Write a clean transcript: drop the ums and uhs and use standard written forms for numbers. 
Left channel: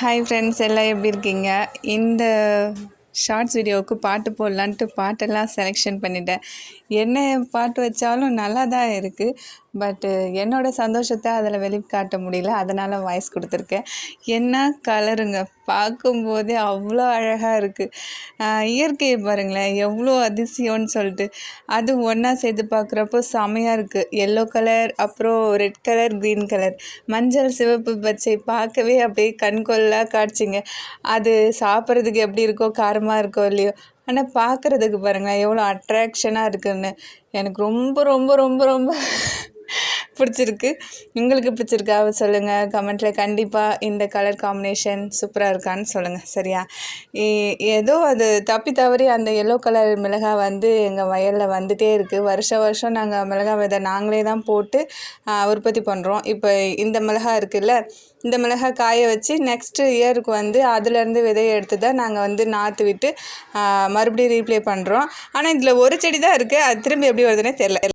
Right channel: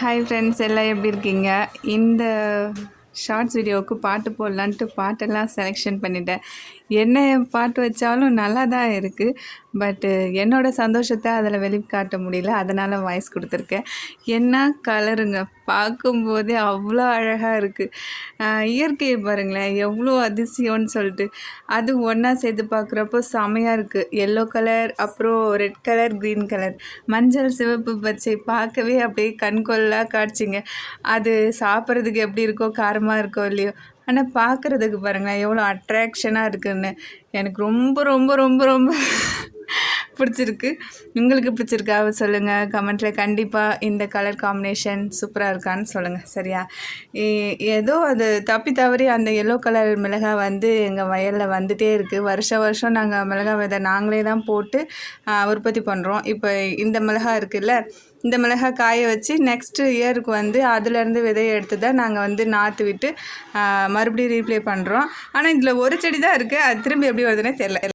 Hi friends, எல்லாம் எப்படி இருக்கீங்க? இந்த ஷார்ட்ஸ் வீடியோவுக்கு பாட்டு போடலான்ட்டு பாட்டெல்லாம் செலெக்ஷன் பண்ணிட்டேன். என்ன பாட்டு வச்சாலும் நல்லா தான் இருக்குது. பட்டு என்னோடய சந்தோஷத்தை அதில் வெளிக்காட்ட முடியல. அதனால் வாய்ஸ் கொடுத்துருக்கேன். என்ன கலருங்க, பார்க்கும்போதே அவ்வளோ அழகாக இருக்குது. இயற்கையை பாருங்களேன், எவ்வளோ அதிசயம்னு சொல்லிட்டு. அது ஒன்றா சேர்த்து பார்க்குறப்போ செமையாக இருக்குது. எல்லோ கலர், அப்புறம் ரெட் கலர், க்ரீன் கலர், மஞ்சள், சிவப்பு, பச்சை பார்க்கவே அப்படியே கண்கொள்ளா காட்சிங்க. அது சாப்பிட்றதுக்கு எப்படி இருக்கோ, காரமாக இருக்கோ இல்லையோ, ஆனால் பார்க்குறதுக்கு பாருங்களேன் எவ்வளோ அட்ராக்ஷனாக இருக்குதுன்னு. எனக்கு ரொம்ப ரொம்ப ரொம்ப ரொம்ப பிடிச்சிருக்கு. உங்களுக்கு பிடிச்சிருக்கா சொல்லுங்கள் கமெண்ட்டில். கண்டிப்பாக இந்த கலர் காம்பினேஷன் சூப்பராக இருக்கான்னு சொல்லுங்கள். சரியா? ஏதோ அது தப்பி தவறி அந்த எல்லோ கலர் மிளகாய் வந்து எங்கள் வயலில் வந்துகிட்டே இருக்குது. வருஷம் நாங்கள் மிளகாய் விதை நாங்களே தான் போட்டு உற்பத்தி பண்ணுறோம். இப்போ இந்த மிளகாய் இருக்குல்ல, இந்த மிளகாய் காய வச்சு நெக்ஸ்ட்டு இயருக்கு வந்து அதுலேருந்து விதையை எடுத்து தான் நாங்கள் வந்து நாற்று விட்டு மறுபடியும் ரீப்ளே பண்ணுறோம். ஆனால் இதில் ஒரு செடி தான் இருக்குது. அது திரும்பி எப்படி வருதுன்னே தெரில.